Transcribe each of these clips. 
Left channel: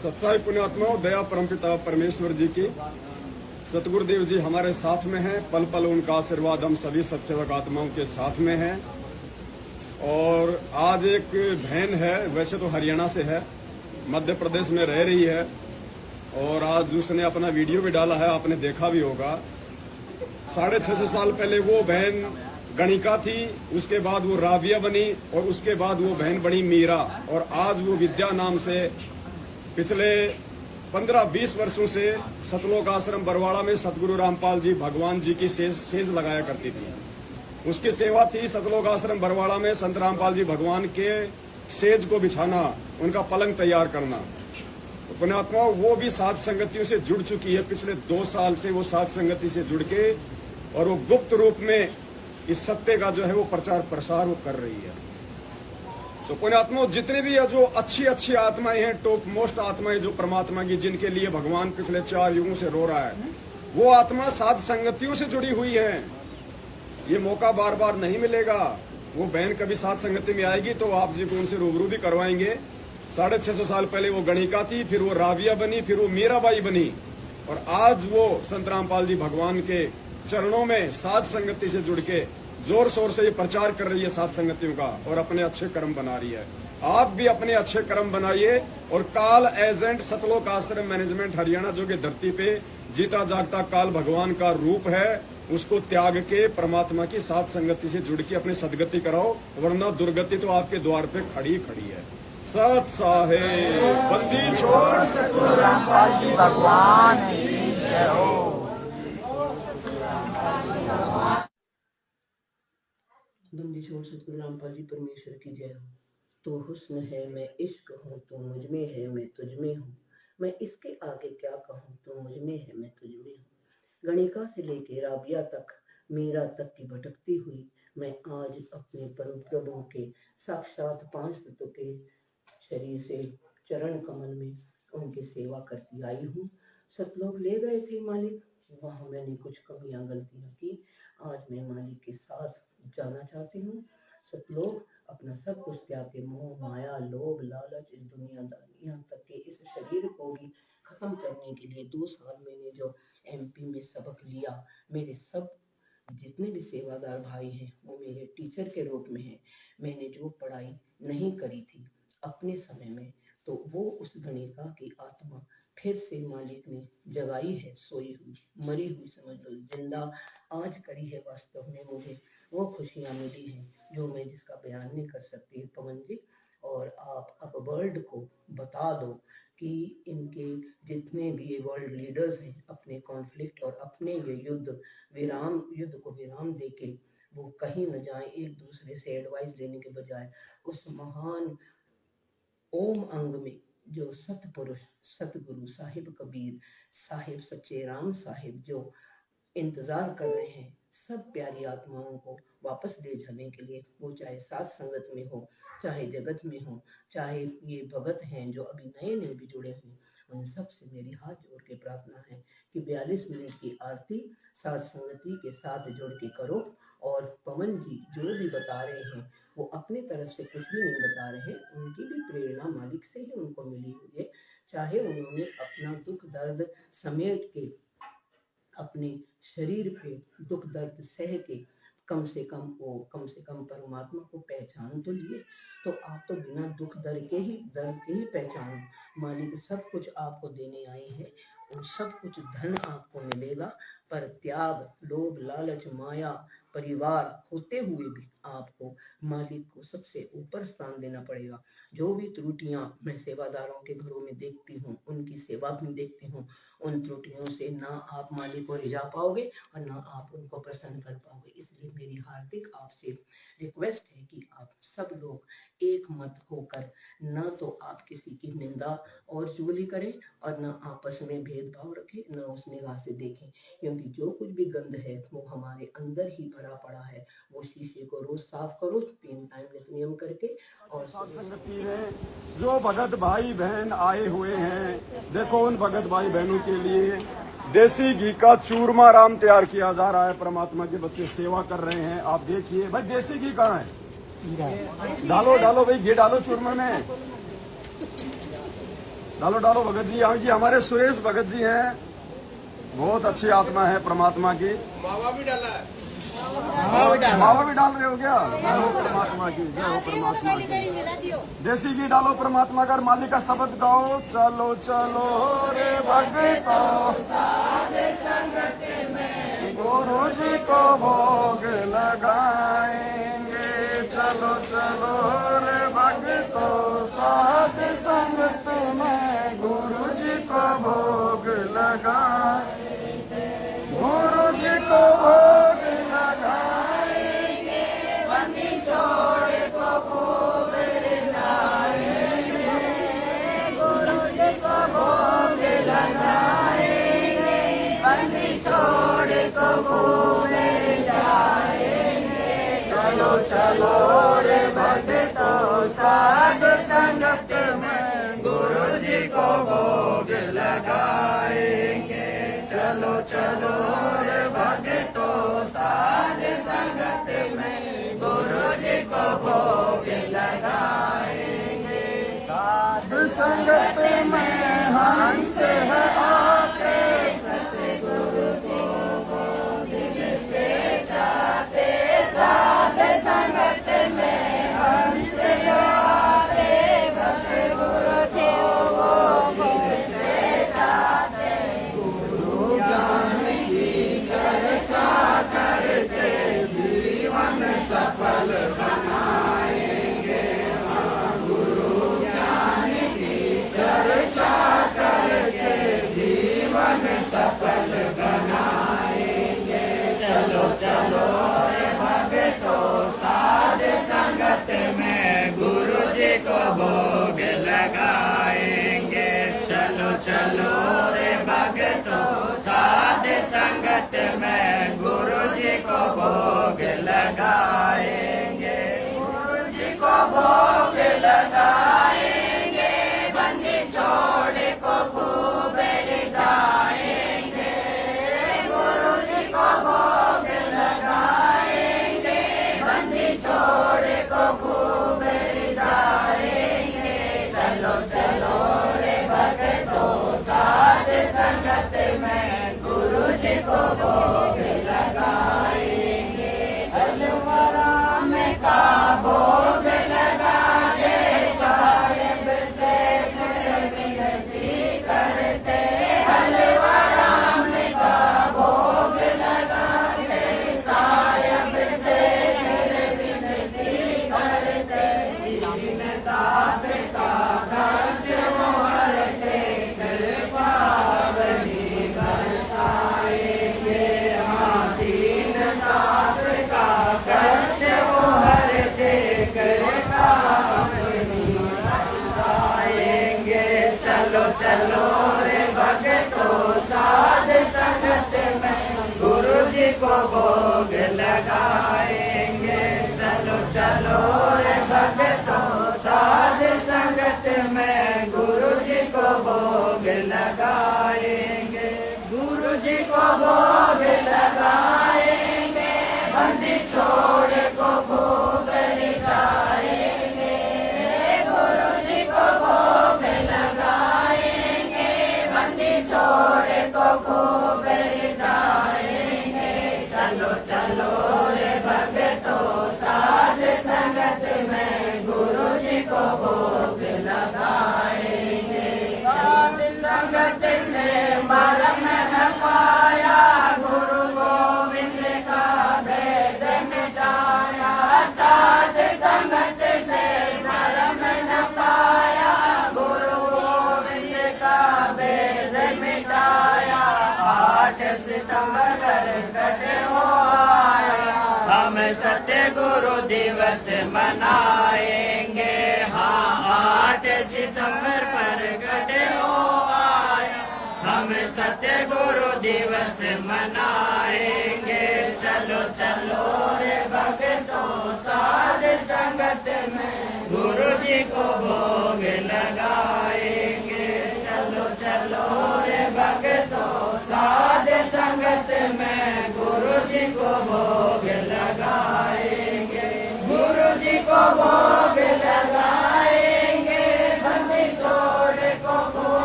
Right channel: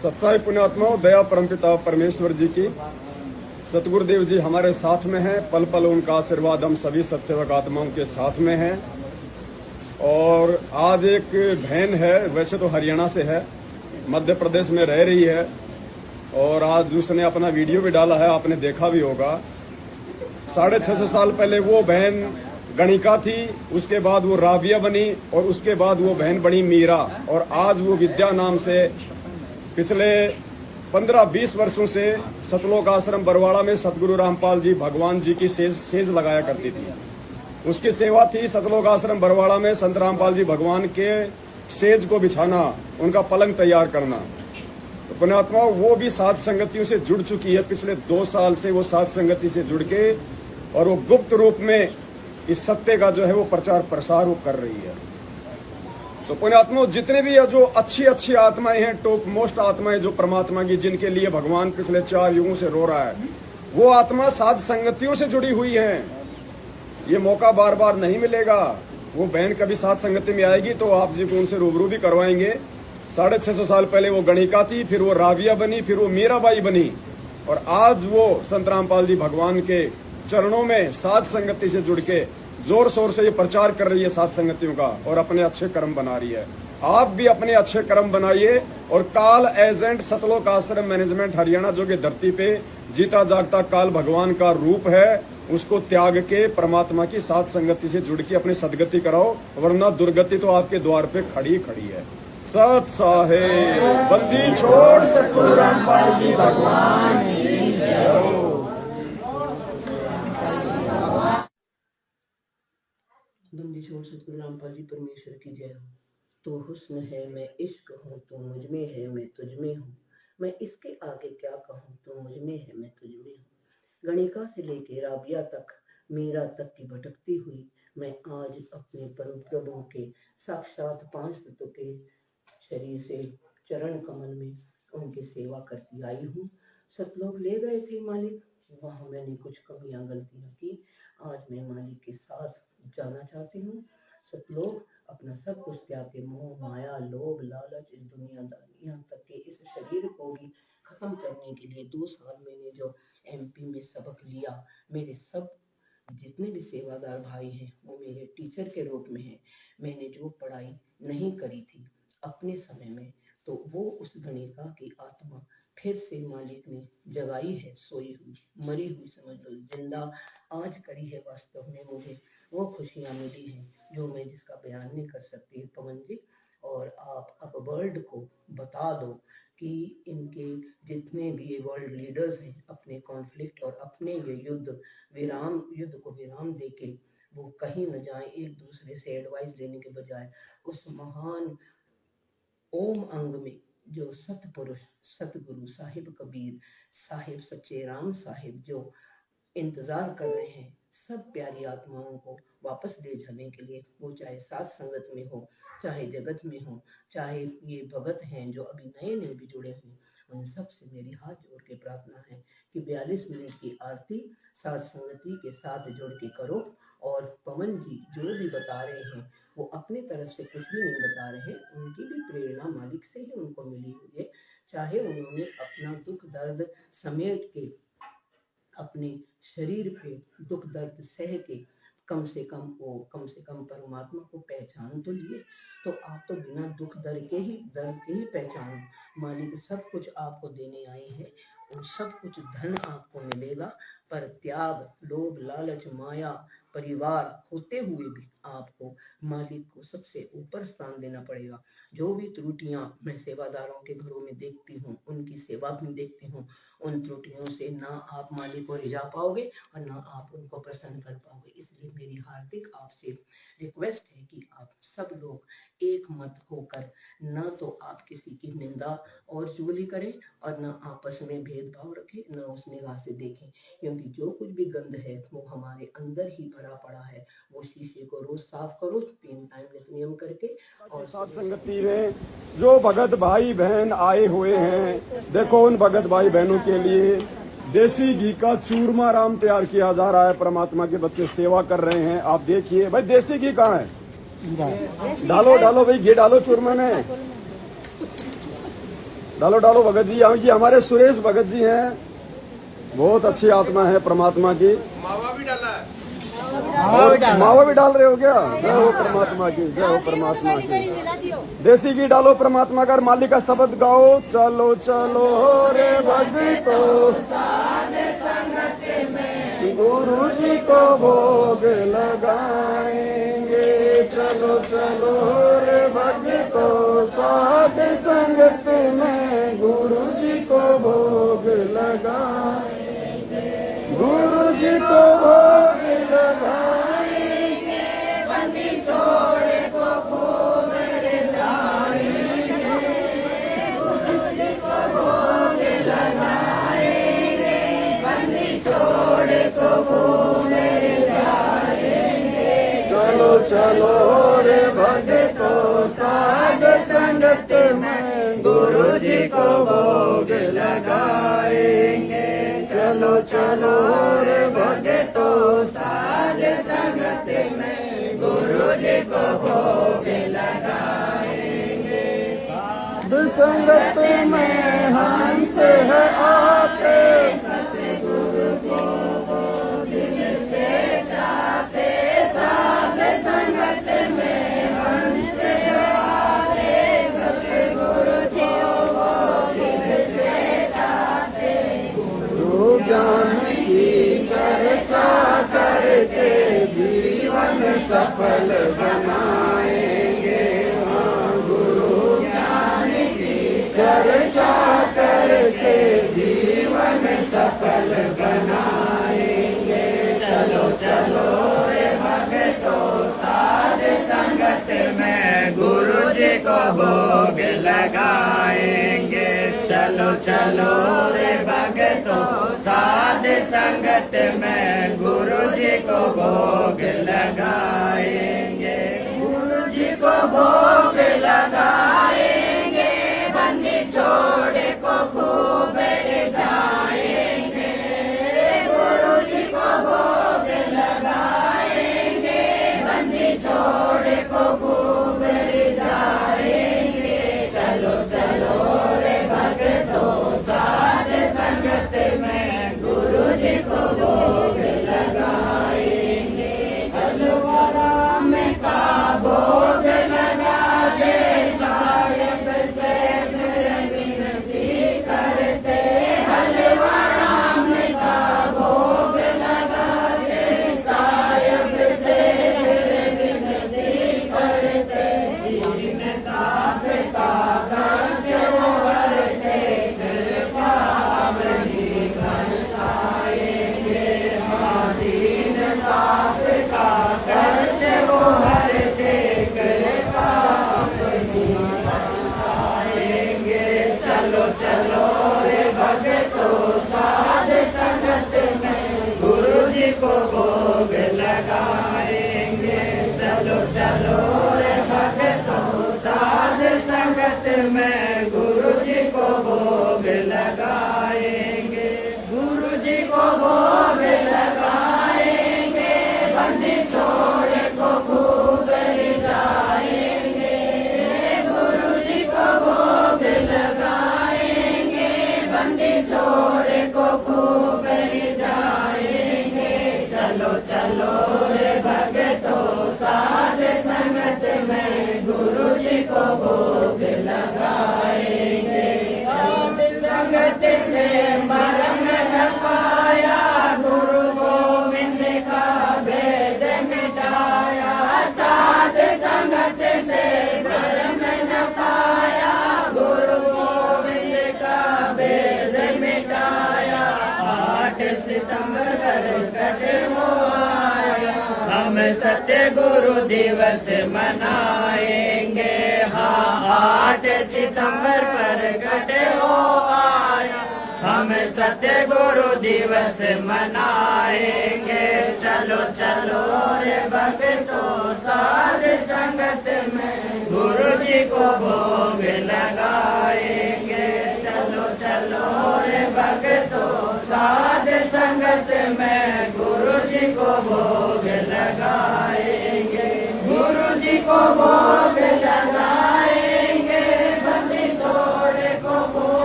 सच्चाई पुण्यात्माओं, दया परमपिता परमेश्वर जी की, सतगुरुदेव जी हमारे साथ में हैं। पल पल उनका आशीर्वाद हम सभी सत्सेवक आत्माओं के साथ में है। और आज एक बहन है, वैसे तो हरियाणा से है, मध्य प्रदेश में रह रही है, और आज उसने अपना वीडियो भी डाला है, आपने देखा भी होगा। 650 साल पहले वो बहन गणिका थी, उसके बाद वो राबिया बनी, और उसके बाद वो बहन बनी मीरा, और आज वो विद्या नाम से पिछले 15-20 वर्षों से सतलोक आश्रम बरवाड़ा में सतगुरु रामपाल जी भगवान जी की सेज लगाया करती थी। उसकी सेवा थी सतलोक आश्रम बरवाड़ा में संत रामपाल जी भगवान के सेज को बिछाना, उनका पलंग तैयार करना। तो पुण्यात्मा वो भी साध संगतियों से जुड़ चुकी है। पिछले 2 साल से वो साध संगति से जुड़ के, और वो गुप्त रूप में इस सत्य का जो है वो प्रचार प्रसार वो कर रही है। तो पुण्यात्मा जितने भी जो अच्छी अच्छी आत्माएं हैं, टॉप मोस्ट आत्माएं जो परमात्मा की, जिनके लिए भगवान पिछले 4 युगों से रो रहा है, वो आत्मा साध संगतियों से जुड़ी हुई है। ये मौका बार बार नहीं मिलेगा। वो बहन कभी साध संगति में आएगी तो आप जी को उनसे रूबरू भी करवाएंगे। 650 साल पहले वो गणिका थी, फिर वो राबिया बनी, फिर वो मीराबाई बनी, और आज वो संत रामपाल जी भगवान के चरणों में साध संगति से जुड़ के जोर शोर से ये प्रचार कर रही है साध संगतियों का, और अपने अच्छे कर्म बना रही है। आप भी अपने अच्छे कर्म बनाइए, और काल एजेंट सतलोक आश्रम मैनेजमेंट हरियाणा, जो कि धरती पे जीता जागता काल भगवान का रूप है, उसको त्याग के परमात्मा की साध संगति से जुड़ के अपनी सदगति कराओ, वरना दुर्गति तो आपके द्वार पे खड़ी खड़ी है। सत साहेब बंदी छोड़ सतगुरु रामपाल जी भगवान की जय हो। बंदी छोड़ सतगुरु रामपाल जी परमेश्वर की जय हो। तो हुस्न है मैं इश्क हूँ, तो मुझ में है मैं तुझ में हूँ, मैं इसके आगे क्या कहूँ, तो मुझ में है मैं तुझ में हूँ। गणिका से लेके राबिया तक, मीरा तक की भटकती हुई मैं आज अपने परम प्रभु के साक्षात 5 तत्व के शरीर से चरण कमल में उनकी सेवा करती आई हूँ। सतलोक ले गए थे मालिक, वहाँ मैंने कुछ कमियां गलतियां की, आज मैं मालिक के साथ जाना चाहती हूँ। सतलोक अपना सब कुछ त्याग के मोह माया लोभ लालच इस दुनियादारी, यहाँ तक कि इस शरीर को भी खत्म करने के लिए 2 साल मैंने जो MP में सबक लिया, मेरे सब जितने भी सेवादार भाई हैं वो मेरे टीचर के रूप में हैं। मैंने जो पढ़ाई नहीं करी थी अपने समय में, तो वो उस गणिका की आत्मा फिर से मालिक ने जगाई है, सोई हुई मरी हुई समझ लो, जिंदा आज करी है। वास्तव में मुझे वो खुशियाँ मिली हैं जो मैं जिसका बयान नहीं कर सकती पवन जी। और आप अब वर्ल्ड को बता दो कि इनके जितने भी ये वर्ल्ड लीडर्स हैं, अपने कॉन्फ्लिक्ट और अपने ये युद्ध को विराम देके वो कहीं न जाए, एक दूसरे से एडवाइस लेने के बजाय उस महान ओम अंग में जो सतपुरुष सतगुरु साहिब कबीर साहिब सच्चे राम साहिब जो इंतजार कर रहे हैं सब प्यारी आत्माओं को वापस ले जाने के लिए, वो चाहे साथ संगत में हो, चाहे जगत में हो, चाहे ये भगत हैं जो अभी नए नए भी जुड़े हों, उन सब से मेरी हाथ जोड़ के प्रार्थना है कि 42 मिनट की आरती साथ संगति के साथ जोड़ के करो। और पवन जी जो भी बता रहे हैं वो अपनी तरफ से कुछ भी नहीं बता रहे, उनकी भी प्रेरणा मालिक से ही उनको मिली हुई है। चाहे उन्होंने अपना दुख दर्द समेट के अपने शरीर पे दुख दर्द सह के कम से कम परमात्मा को पहचान तो लिए, तो आप तो बिना दुख दर्द के ही पहचानो। मालिक सब कुछ आपको देने आए हैं, और सब कुछ धन आपको मिलेगा, पर त्याग लोभ लालच माया परिवार होते हुए भी आपको मालिक को सबसे ऊपर स्थान देना पड़ेगा। जो भी त्रुटियां मैं सेवादारों के घरों में देखती हूँ, उनकी सेवा में देखती हूँ, उन त्रुटियों से ना आप मालिक को रिझा पाओगे और ना आप उनको प्रसन्न कर पाओगे। इसलिए मेरी हार्दिक आपसे रिक्वेस्ट है कि आप सब लोग एक मत होकर न तो आप किसी की निंदा और चुगली करें और न आपस में भेदभाव रखें, न उस निगाह से देखें, क्योंकि जो कुछ भी गंद है वो हमारे अंदर ही भरा पड़ा है। वो शीशे को रोज साफ करो 3 टाइम नियम करके। और साध संगति में जो भगत भाई बहन आए हुए हैं, देखो उन भगत भाई बहनों के लिए देसी घी का चूरमा राम तैयार किया जा रहा है। परमात्मा के बच्चे सेवा कर रहे हैं, आप देखिए। भाई देसी घी कहाँ है? डालो भाई, घी डालो चूरमा में। डालो डालो भगत जी। जी हमारे सुरेश भगत जी हैं, बहुत अच्छी आत्मा है परमात्मा की। मावा भी डाला है। मावा भी डाल रहे हो क्या? जय हो परमात्मा की, जय हो परमात्मा की। देसी घी डालो परमात्मा का, मालिक का शब्द गाओ। चलो चलो रे भक्तो गुरु जी को भोग लगाएंगे। चलो चलो रे भक्तो साध संगत में गुरु जी को भोग लगाएंगे। गुरु जी को भोग लगाएंगे। बंदी छोड़ को भोग लगाएंगे। गुरु जी को भोग लगाएंगे। बंदी छोड़ को भोग लगाएंगे। चलो चलो रे भक्तो साध संगत में गुरु जी को भोग लगाएंगे। चलो चलो रे भक्तो साध संगत में गुरु जी को भोग लगाएंगे। साध संगत में हंस है आते, सतगुरु को दिल से चाहते। साध संगत में हंस आते, सतगुरु को दिल से चाहते। गुरु ज्ञान की चर्चा करके जीवन सफल बनाएंगे। हाँ, गुरु ज्ञान की चर्चा करके जीवन सफल बनाएंगे। चलो चलो रे भक्तो साध संगत में गुरु जी को भोग लगाएंगे। चलो चलो रे भक्तो साध संगत में गुरु जी को भोग लगाएंगे। गुरु जी को भोग लगाएंगे। बंदी छोड़ को खूब जाएंगे। गुरु जी को भोग लगाएंगे। बंदी छोड़ को खूब जाएंगे। चलो चलो रे भक्तो साध संगत में गुरु जी को भोग लगाएंगे। चलो राम का भोग लगा दे। साहेब से विनती करते। हलवा राम का भोग लगा दे। साहेब से विनती करते। दास का कष्ट मोहर के कृपा बनी बरसाएंगे। हाँ, दीन दास का कष्ट मोहर के कृपा बनी बरसाएंगे। चलो चलो रे भक्तो साध संगत में गुरु जी को भोग लगाएंगे। चलो चलो रे भक्तो साध संगत में गुरु जी को भोग लगाएंगे। गुरु जी को भोग लगाएंगे। बंदी छोड़ को खूब जाएंगे। गुरु जी को भोग लगाएंगे। बंदी छोड़ को खूब जाएंगे। चलो चलो रे भक्तो साध संगत में गुरु जी को भोग लगाएंगे। साध संगत से मरण न पाया। गुरु गोविंद का भेद मिटाया। साध संगत से मरण न पाया। गुरु गोविंद का भेद मिटाया। 8 सितंबर प्रकट हो आया। हम सत्य गुरु दिवस मनाएंगे। हाँ, 8 सितंबर प्रकट हो आया। हम सत्य गुरु दिवस मनाएंगे। चलो चलो रे भक्तो साध संगत में गुरु जी को भोग लगाएंगे। चलो चलो रे भक्तो साध संगत में गुरु जी को भोग लगाएंगे। गुरु जी को भोग लगाएंगे। बंदी छोड़ को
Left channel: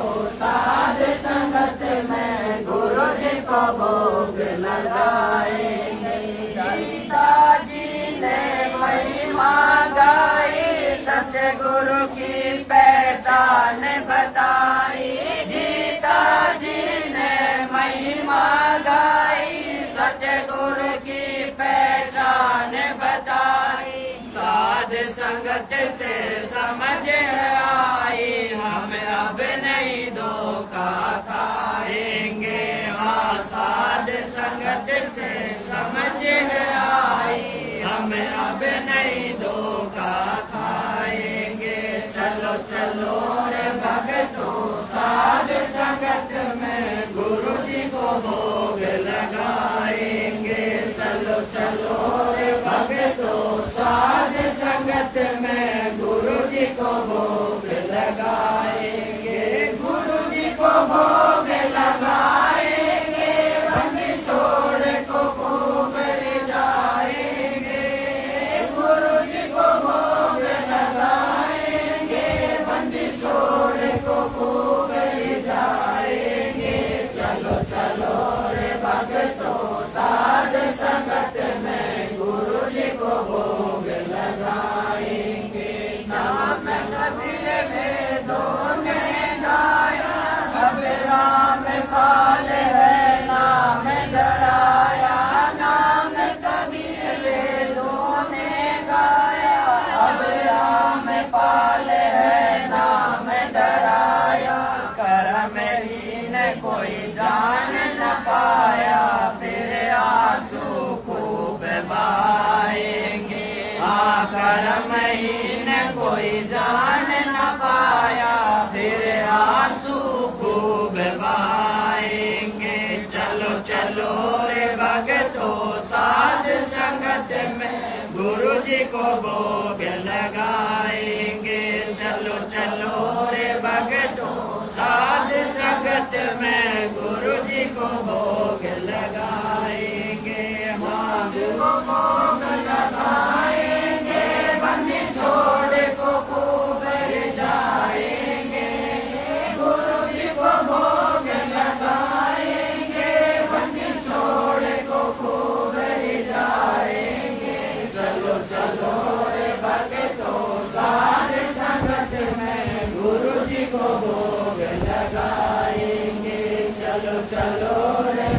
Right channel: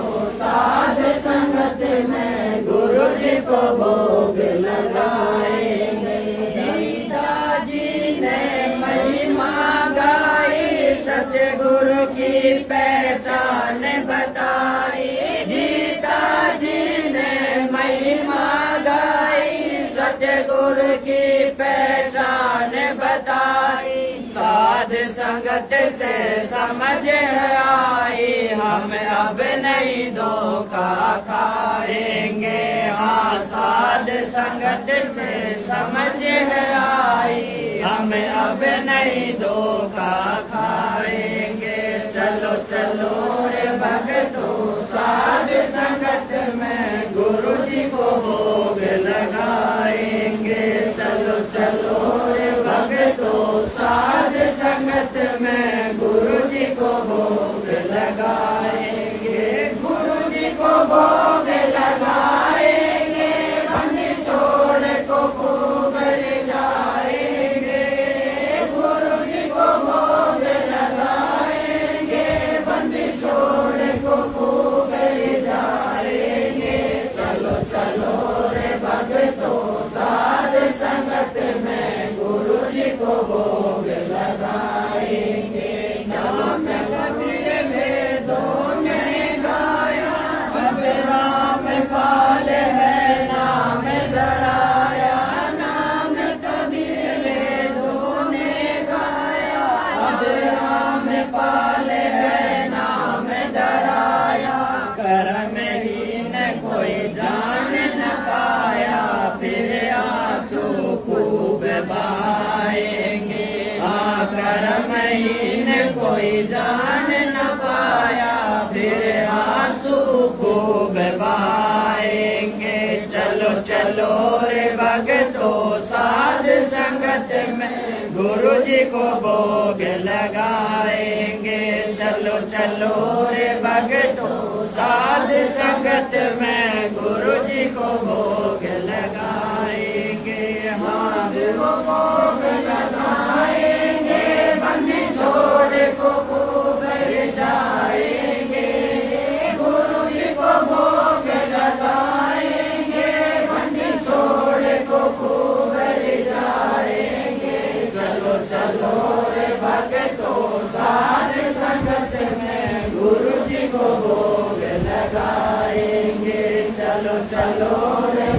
साध संगत में गुरु जी को भोग लगाएंगे। गीता जी ने महिमा गाई, सतगुरु की पहचान बताई। गीता जी ने महिमा गाई, सतगुरु की पहचान बताई। साध संगत से समझ आई, हम अब नहीं धोखा खाएंगे। हाँ, साध संगत से समझ आई, हम अब नहीं धोखा खाएंगे। चलो चलो रे भक्तों, साध संगत में गुरु जी को भोग लगाएंगे। चलो चलो रे भक्तों, साध संगत में गुरु जी को भोग लगाएंगे। गुरु जी को भोग लगाएंगे, बंदी छोड़ को खूब जाएंगे। गुरु जी को भोग लगाएंगे, बंदी छोड़ को खूब जाएंगे। चलो चलो रे भक्तों, साध संगत में गुरु जी को भोग लगाएंगे। चलो चलो मेरे वेदों ने गाया, अब राम काल है नाम धराया। नाम कबीर वेदों ने गाया, अब राम पाल है नाम धराया। कर्महीन कोई जान न पाया, फिर आंसू खूब बहाएंगे। हाँ, कर्महीन कोई जान न पाया, फिर आंसू खूब बहाएंगे। चलो चलो रे भक्तों, साध संगत में गुरु जी को भोग लगाएंगे। चलो चलो रे भक्तों, साध संगत में गुरु जी को भोग लगाएंगे। हाँ, गुरु को भोग लगाएंगे, बंदी छोड़ को खूब जाएंगे। गुरु जी को भोग लगाएंगे, बंदी छोड़ को खूब जाएंगे। चलो चलो रे भक्तों, साध संगत में गुरु जी को भोग लगाएंगे। चलो चलो रे